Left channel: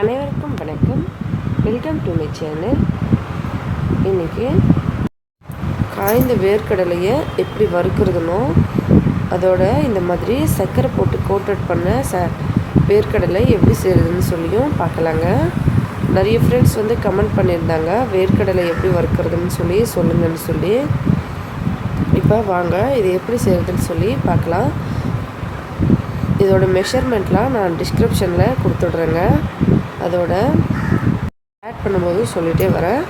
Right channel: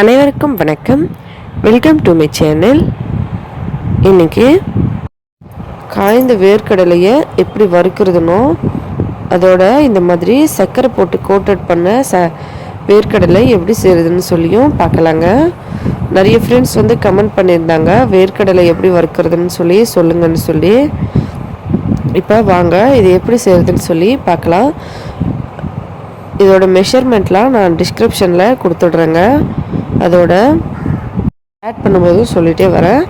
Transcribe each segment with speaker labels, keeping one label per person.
Speaker 1: அனைவருக்கும் வணக்கம். Welcome to my channel இன்னைக்கு காய்ந்த வேர்க்கடலையை எப்படி வறுக்கிறதுனோ அதோட இந்த மாதிரி சர்க்கரை போட்டு கோட்டட் பண்ண ச வேர்க்கடலை எப்படி செய்கிறதுன்னு சொல்லியும் பார்க்கலாங்க. நிறைய ஃப்ரெண்ட்ஸ் வந்து கமெண்ட் பண்ணியிருந்தாங்க வேர்க்கடலை எப்படி வறுக்கிறதுன்னு சொல்லி சொல்லுங்கன்னு சொல்லி. இப்போ வாங்க இது எப்படி செய்கிறதுன்னு சொல்லி பார்க்கலாம். இதோட மெஷர்மெண்ட்லாம் நான் டிஸ்கிரிப்ஷனில் கொடுத்துட்றேங்க. அதோட ஆட் பண்ணும்போது சொல்லிகிட்டே வரேன்.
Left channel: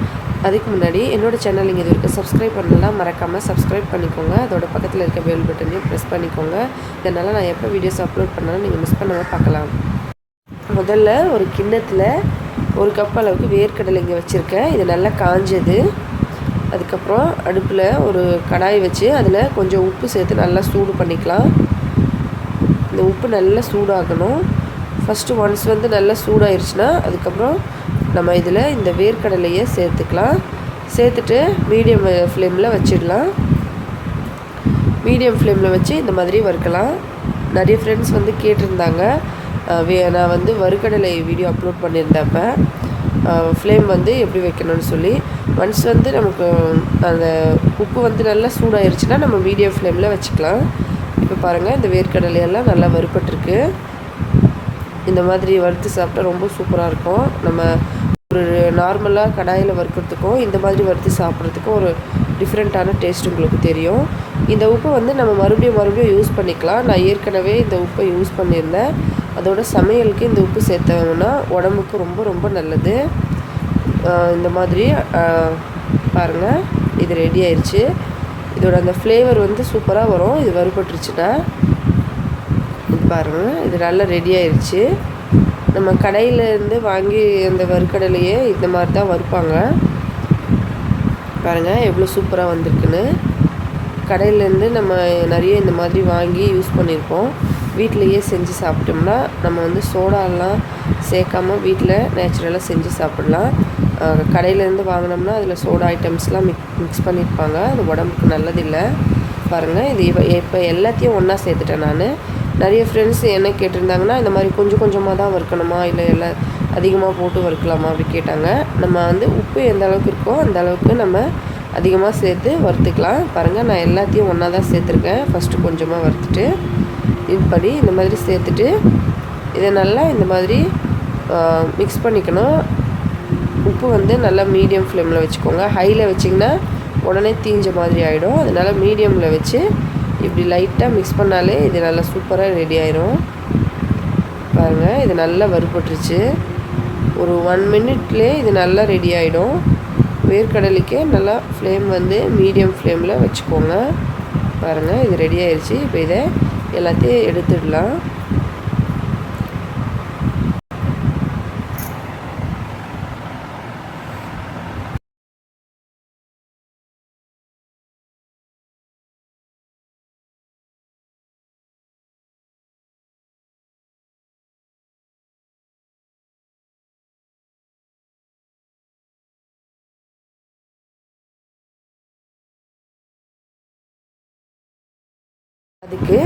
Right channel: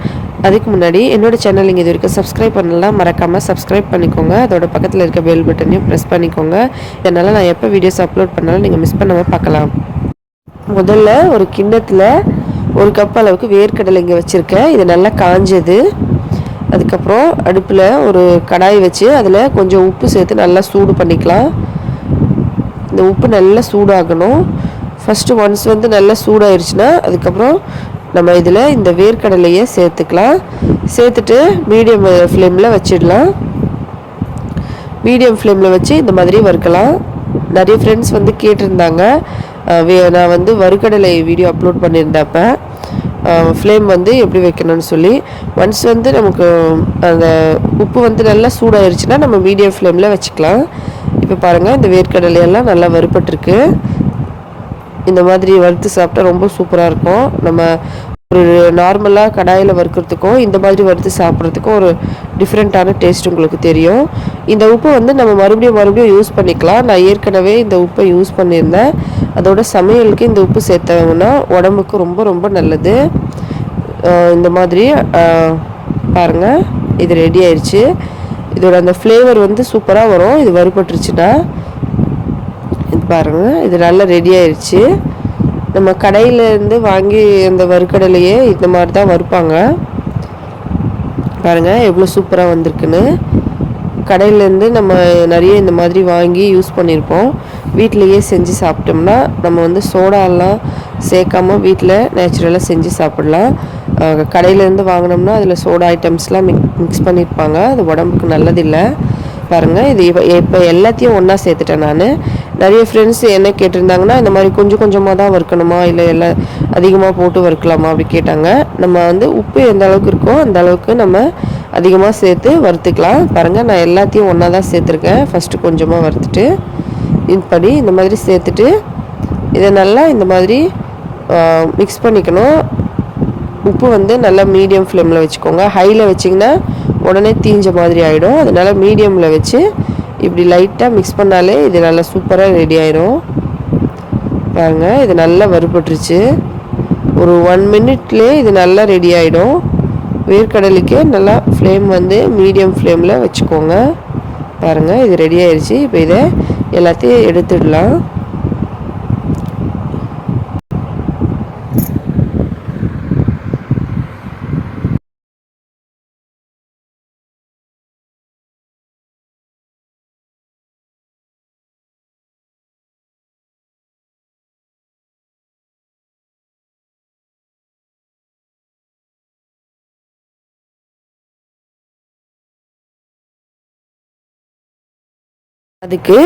Speaker 1: அதுக்கு முன்னாடி என்னோட சேனல் நீங்கள் இது வரைக்கும் சப்ஸ்கிரைப் பண்ணலாம் மறக்காமல் சப்ஸ்கிரைப் பண்ணிக்கோங்க. அதோட பக்கத்தில் இருக்க பெல் பட்டனையும் ப்ரெஸ் பண்ணிக்கோங்க. இதனால் நான் எப்போ வீடியோஸ் அப்லோட் பண்ணாலும் நீங்கள் மிஸ் பண்ணாமல் பார்க்கலாம். முதல்ல ஒரு கிண்ணத்தில் ஒரு கப் அளவுக்கு வேர்க்கடலை இங்கே வச்சுருக்கேன். இது நல்லா காஞ்சது. அதுக்கப்புறம் அடுப்பில் ஒரு கடாய் வச்சு அதில் கொஞ்சம் உப்பு சேர்த்து நல்லா சூடு பண்ணிக்கலாம். இந்த உப்பு நல்லா சூடாகணும். ஃபஸ்ட்டு ஒன்ஸ் வந்து நல்லா சூடாயிருச்சுன்னா அதுக்கப்புறம் நம்ம இதில் இந்த வேர்க்கடலையை சேர்த்துக்கலாம். சேர்த்துட்டு மீடியம் ஃப்ளேமில் வச்சிடலாம். மீடியம் ஃப்ளேமில் வச்சு இந்த மாதிரி வறுக்கலாம். நிறைய ஃப்ரெண்ட்ஸ் வந்து கேட்டிருந்தாங்க. நான் வந்து வறுக்கடலை வீடியோ அப்லோட் பண்ணியிருந்தப்ப ஃப்ளேம் வந்து எப்படி வைக்கணும்னு சொல்லி ஒன்ஸ் வந்து நமக்கு அந்த உப்பு வந்து நல்லா சூடாயிருச்சுன்னா நம்ம மீடியம் ஃப்ளேமில் வச்சுக்கலாம். இப்போ பாருங்கள் இந்த வேர்க்கடலையெல்லாம் நல்லா வறுப்பட்டுருக்கு இந்த மாதிரி வறுத்து சாப்பிட்டா ரொம்ப சூப்பராக இருக்கும். நம்ம ஒரு நார்மலாக கடாயில் வறுக்கிறதுக்கும் இந்த மாதிரி வறுத்து சாப்பிட்றதுக்கும் ஒரு டிஃப்ரெண்ட்டான டேஸ்ட் உங்களுக்கு தெரியும். இந்த உப்பை வந்து நம்ம மறுபடியும் மறுபடியும் யூஸ் பண்ணிக்கலாம். நான் ஏற்கனவே இந்த உப்பை யூஸ் பண்ணியிருந்தேன். அதோட சமையலுக்கு இந்த உப்பு சேர்த்தாங்கன்னா உடம்புக்கு ரொம்ப ரொம்ப நல்லது. இந்த மாதிரி பாருங்கள் இது ரெடி ஆயிடுச்சு இதோட அந்த ஃப்ளேவர் வந்து சூப்பராக வரும். இது வறுபட்டுருச்சுன்னா பாருங்கள் இது நல்லா ரெடி ஆயிடுச்சு நம்ம கடையிலேருந்து வாங்கி அந்த வறுக்கடலையே இந்த மாதிரி தான் வறுப்பாங்க. பாருங்கள் எவ்வளோ சூப்பராக வந்திருக்குன்னு. கடையிலேருந்து நம்ம நிறைய இந்த மாதிரி வாங்கி யூஸ் பண்ணியிருப்போம். வீட்டிலையே செஞ்சு சாப்பிட்டோம்னா நம்ம வந்து சோடாலாம் சேர்க்காம வீட்டில் நேச்சுரலாக செஞ்சு சாப்பிட்லாம். கடையிலேருந்து வாங்கினோம்னா அதில் சோடா ஐட்டம்ஸ்லாம் மிக் மிக்ஸ் பண்ணியிருப்பாங்க. அது உடம்புக்கு நல்லதில்லை. பாருங்கள் இது இப்போ இப்போ எல்லாத்தையும் ஒன்றா சேர்த்துட்டேன் நான். நிறைய ஃப்ரெண்ட்ஸ் என்ன கேட்டிருந்தாங்கன்னா இந்த மாதிரி கொஞ்சம் கொஞ்சமாக தான் வறுக்கணுமா இல்லை எல்லாம் அதிகமாக போட்டு வறுக்கலாமா அப்படி கேட்டாங்க. நம்ம வந்து உப்பு எந்த அளவுக்கு இருக்கோ அந்த அளவுக்கு நம்ம அதிகமாக சேர்த்து வறுத்துக்கலாம். பாருங்கள் நான் எல்லாத்தையும் ஒன்றா தான் சேர்த்துருக்கேன். ஃபஸ்ட்டு கொஞ்சமாக வறுத்துட்டு இப்படி இந்த மாதிரி சேர்த்துட்டு இதை நல்லா இந்த மாதிரி மிக்ஸ் பண்ணிக்கணும். உப்பு வந்து நல்லா மீடியம் ஃப்ளேமில் வச்சுக்கோங்க. ஹையில் வச்சிங்கன்னா உடனே தீஞ்ச மாதிரி ஆகிடும் அதனால் மீடியமில் வச்சு இப்படி லைட்டாக மிக்ஸ் பண்ணாலே இது நல்லா சூப்பராக ரெடி ஆயிரும். பாருங்க இது நல்லா வறுபட்டுருச்சு. ஒரு ஒன் மினிட்லேயே இது நல்லா ரெடி ஆகிடும் வேர்க்கடலைக்கு நல்லா ஃப்ளேம் வந்து மீடியம் ஃப்ளேமில் வச்சுக்கோங்க. பாருங்கள் இது ரெடி ஆயிடுச்சு இப்போ இதை எல்லாத்தையும் எடுத்துடலாம். அதுக்கு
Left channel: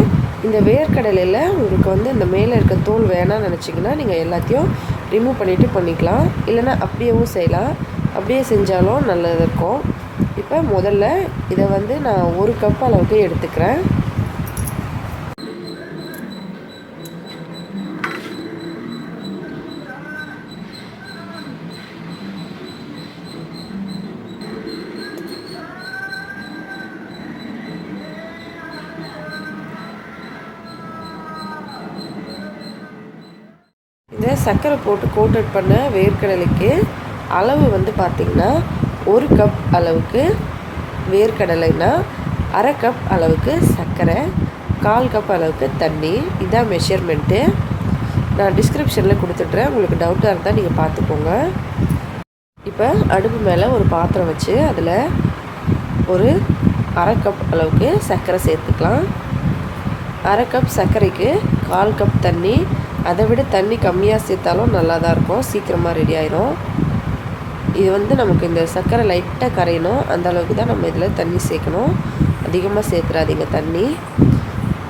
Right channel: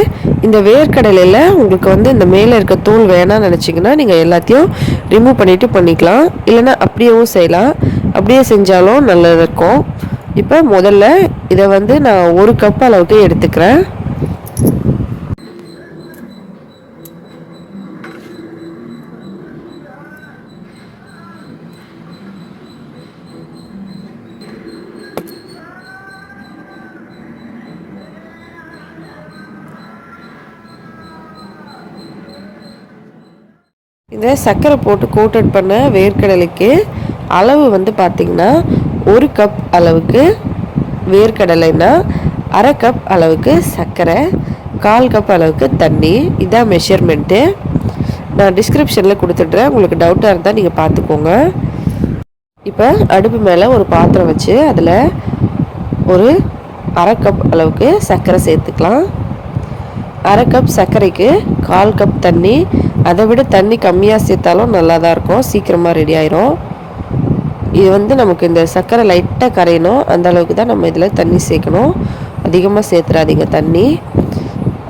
Speaker 1: இந்த வேர்க்கடலையில் உங்களுக்கு வந்து இந்த மேலே இருக்க தோல் வேணாம்னு நினச்சிங்கன்னா நீங்கள் எல்லாத்தையும் ரிமூவ் பண்ணிவிட்டு பண்ணிக்கலாம். இல்லைன்னா அப்படியேவும் செய்யலாம். அப்படியே செஞ்சாலும் நல்லது இருக்கும். இப்போ முதல்ல இதை வந்து நான் ஒரு கப் அளவுக்கு எடுத்துக்கிறேன். இந்த சர்க்கரை போட்டு கோட்டட் பண்ண வேர்க்கடலைக்கு அளவு வந்து பார்த்திங்கன்னா ஒரு கப் அளவுக்கு வேர்க்கடலைன்னா அரை கப் அளவுக்கு சர்க்கரை கால் கப் அளவுக்கு தண்ணி. இதான் மெஷர்மெண்ட்டு நான் டிஸ்கிரிப்ஷனில் கொடுத்துட்றேன். உங்களுக்கு டவுட்டாக இருந்தால் நீங்கள் பார்த்துக்கோங்க. இப்போ அடுப்பு மேலே ஒரு பாத்திரம் வச்சு அதில் ஒரு அரை கப் அளவுக்கு சர்க்கரை சேர்த்துக்கலாம். அரை கப் சர்க்கரைக்கு கால் கப் தண்ணி அதை விட தண்ணி கம்மியாக சேர்த்தாலும் நல்லா தான் இருக்கும். சீக்கிரமாக ரெடி ஆயிரும். இது வந்து நமக்கு இந்த சர்க்கரை லைட்டாக கரையணும். அந்த அளவுக்கு தான் நம்ம இதில் தண்ணி சேர்க்கணும். அதிகமாக சேர்த்துறாதீங்க தண்ணி.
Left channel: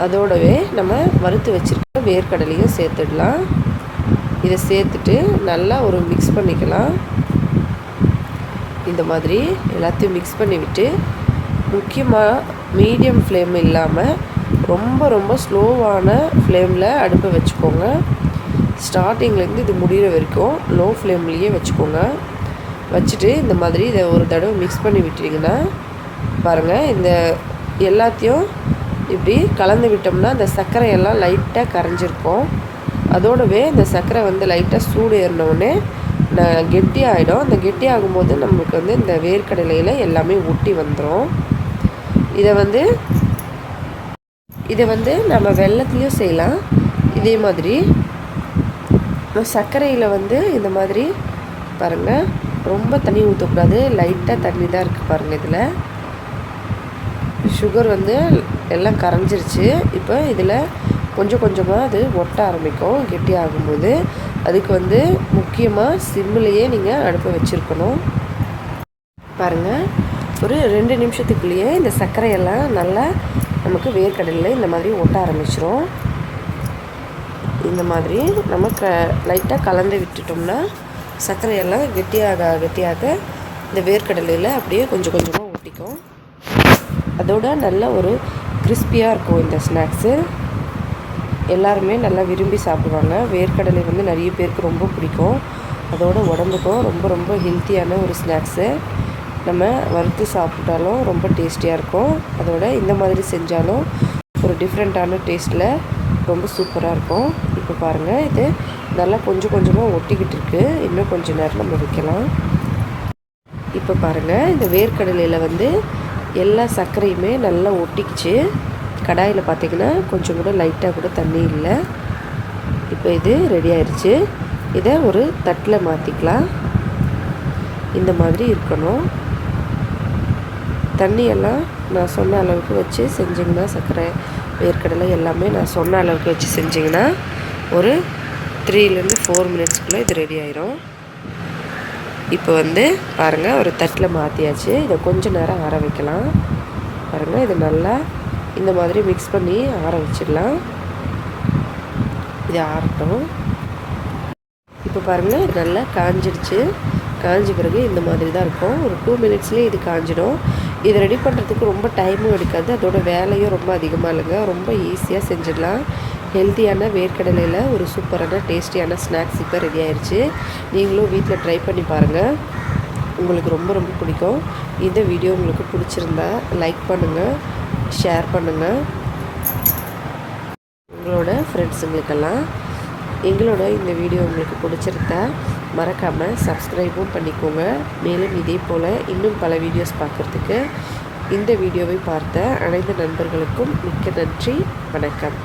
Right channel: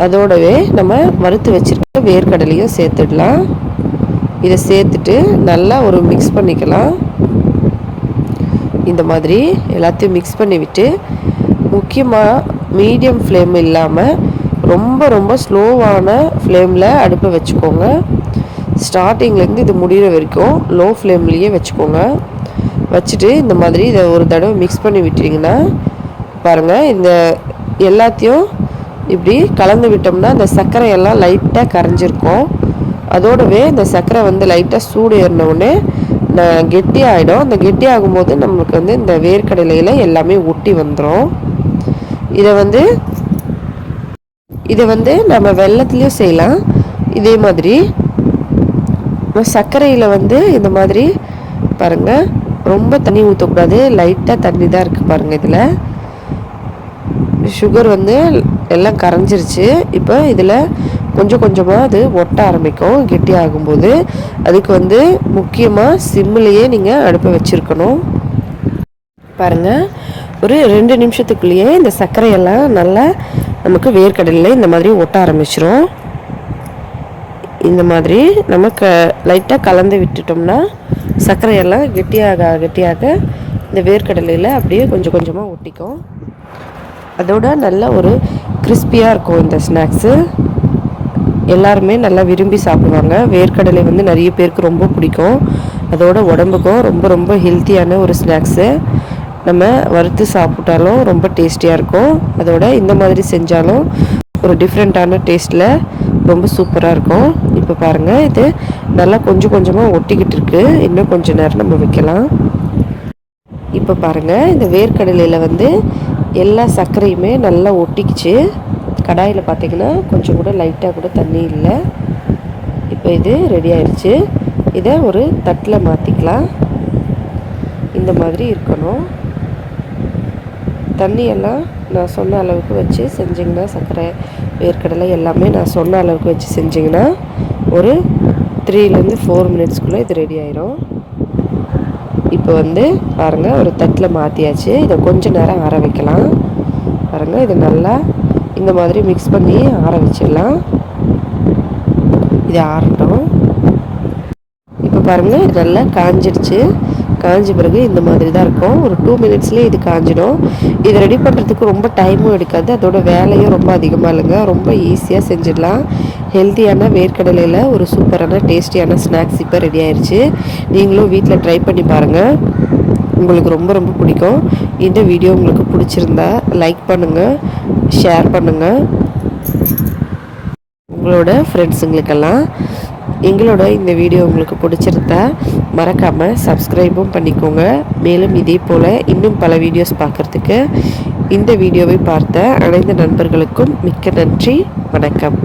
Speaker 1: அதோடவே நம்ம வறுத்து வச்சுருக்க வேர்க்கடலையும் சேர்த்துடலாம். இதை சேர்த்துட்டு நல்லா ஒரு மிக்ஸ் பண்ணிக்கலாம். இந்த மாதிரி எல்லாத்தையும் மிக்ஸ் பண்ணிவிட்டு முக்கியமாக மீடியம் ஃப்ளேம் இல்லாமல் ரொம்ப ரொம்ப ஸ்லோவான ஃப்ளேமில் அடுப்பை வச்சுக்கோங்க. ஸ்டார்டிங்லேருந்து இது முடிகிற வரைக்கும் லோ ஃப்ளேம்லேயே வச்சுக்கோங்க. வச்சுட்டு இந்த மாதிரி இதை ஒரு தடவை மிக்ஸ் பண்ணி விட்டுட்டிங்கன்னா பாருங்கள் இந்த எல்லாத்தையும் இப்படி கலந்து விட்டோம்னா அந்த சர்க்கரை எல்லாம் லைட்டாக கரைஞ்சிருக்கும். அதோடவே இந்த சர்க்கரை வந்து லைட்டாக சூடு ஏறினவுடனே கெட்டி ஆகிடும் அந்த கெட்டி ஆகும்போது நமக்கு வந்து இந்த வேர்க்கடலையில் எல்லாமே ஒட்டி வந்துடும் இதை வந்து இதை வந்து நம்ம வெள்ளத்துலேயும் செய்யலாம். இதே மாதிரி சர்க்கரையில் வந்து இந்த மாதிரி பாருங்கள் ரொம்ப தண்ணி ஊற்றக்கூடாது லைட்டாக தண்ணி தான் இருக்குது பாருங்கள் இதில். சுகர் வந்து எல்லாம் கரைஞ்சிருச்சு. இப்போ இதில் கொஞ்சம் கொஞ்சமாக அது ஒட்ட ஆரம்பிக்கும். கெட்டி ஆகும்போது அதுக்கு வந்து முக்கியமாக சிம்மிலேயே நீங்கள் அடுப்பை வச்சுருக்கணும். பாருங்கள் ஒரு ரெண்டு நிமிஷத்துக்குள்ளேயே இந்த சர்க்கரையெல்லாம் நல்லா நமக்கு வேர்க்கடலில் இந்த மாதிரி ஒட்ட ஆரம்பிச்சிரும். இந்த மாதிரி நம்ம க லைட்டாக கலந்து விட்டுட்டோம்னா சர்க்கரையெல்லாம் கெட்டியாக கெட்டியாக இந்த வேர்க்கடலையில் அப்படியே கொஞ்சம் கொஞ்சமாக ஒட்டிக்கும். அதோட நல்ல ஒரு கிறிஸ்பியாக இருக்கும் இந்த ஸ்நாக்ஸு எல்லாருமே நல்லா விரும்பி சாப்பிடுவாங்க. வேர்க்கடலை வந்து நிறைய பேருக்கு ரொம்ப பிடிக்கும். அதோட உடம்புக்கும் ரொம்ப ரொம்ப ஹெல்த்தியான ஒரு ஸ்நாக்ஸு நம்ம வறுத்து சாப்பிட்டாலும் ரொம்ப டேஸ்டியாக இருக்கும். அதோட இந்த மாதிரி செஞ்சாலும் ஒரு டிஃப்ரெண்ட்டான டேஸ்ட்டில் ரொம்ப சூப்பராக இருக்கும். இப்போ பாருங்கள் இது நல்லா கொஞ்சம் கொஞ்சமாக ஒட்டிக்கிட்டு இருக்குது இன்னும் கொஞ்சம் நேரம் நம்ம வைக்கலாம். இப்போ பாருங்கள் இந்த வேர்க்கடலையில் வந்து எல்லா சர்க்கரையுமே நல்லா ஒட்டிக்கிச்சு. கடாயில் பார்த்திங்கன்னா கொஞ்சம் கூட லைட்டாக கூட தண்ணி இல்லை. இப்போ இது ரெடி ஆயிடுச்சு. இதை ஒரு தட்டில் மாற்றிக்கலாம் இந்த மாதிரி இருக்கணும். தண்ணியெல்லாம் நான் சொன்ன அளவுக்கு வச்சு செஞ்சிங்கன்னா சர்க்கரை வேர்க்கடலை எல்லாமே நான் சொன்ன அளவுக்கு வச்சு செஞ்சிங்கன்னா ஒரு த்ரீலேருந்து ஃபோர் மினிட்ஸ்க்குள்ளே இது ரெடி ஆயிரும். இப்போ வந்து பாருங்கள் ஒரு தட்டில் மாற்றியாச்சு இதை கொஞ்சம் நேரம் ஆற வைக்கலாம். பாருங்கள் இது நல்லா இந்த மாதிரி மிக்ஸ் பண்ணி ஆற வச்சிடலாம். இது ஆறட்டும். இப்போ பாருங்கள் நல்லா காஞ்சிடுச்சு. காஞ்ச பிறகு இந்த மாதிரி தான் இருக்கும். ஒரு டூ மினிட்ஸ்லேயே இது காஞ்சிடும். இதை ரெடி பண்ணுறதுக்கு ரொம்ப டைமும் எடுக்காது. அதோட வேலையும் ரொம்ப அதிகமாக இல்லைங்க. ரொம்ப ஈஸியாக செஞ்சிடலாம். ஹெல்த்தியான வேர்க்கடலையில் ஒரு சூப்பரான டேஸ்டியான ஸ்நாக்ஸ் இப்போ ரெடி ஆயிடுச்சு நீங்களும் வீட்டில் ட்ரை பண்ணி பாருங்கள் உங்களுக்கு ரொம்ப ரொம்ப பிடிக்கும். இந்த வீடியோ உங்களுக்கு பிடிச்சிருந்தா லைக் பண்ணுங்கள் ஷேர் பண்ணுங்கள் உங்களோட ஃப்ரெண்ட்ஸுங்களுக்கெல்லாம் எங்களோட இந்த வீடியோ உங்களுக்கு பிடிச்சிருந்தா மறக்காமல் சப்ஸ்கிரைபும் பண்ணிக்கோங்க. மேலும் இதே போல் இன்னும் பல வீடியோஸ் பார்க்குறதுக்கு இந்த வீடியோவை பார்த்த அனைத்து நண்பர்களுக்கும் மிக்க நன்றி. வணக்கம்.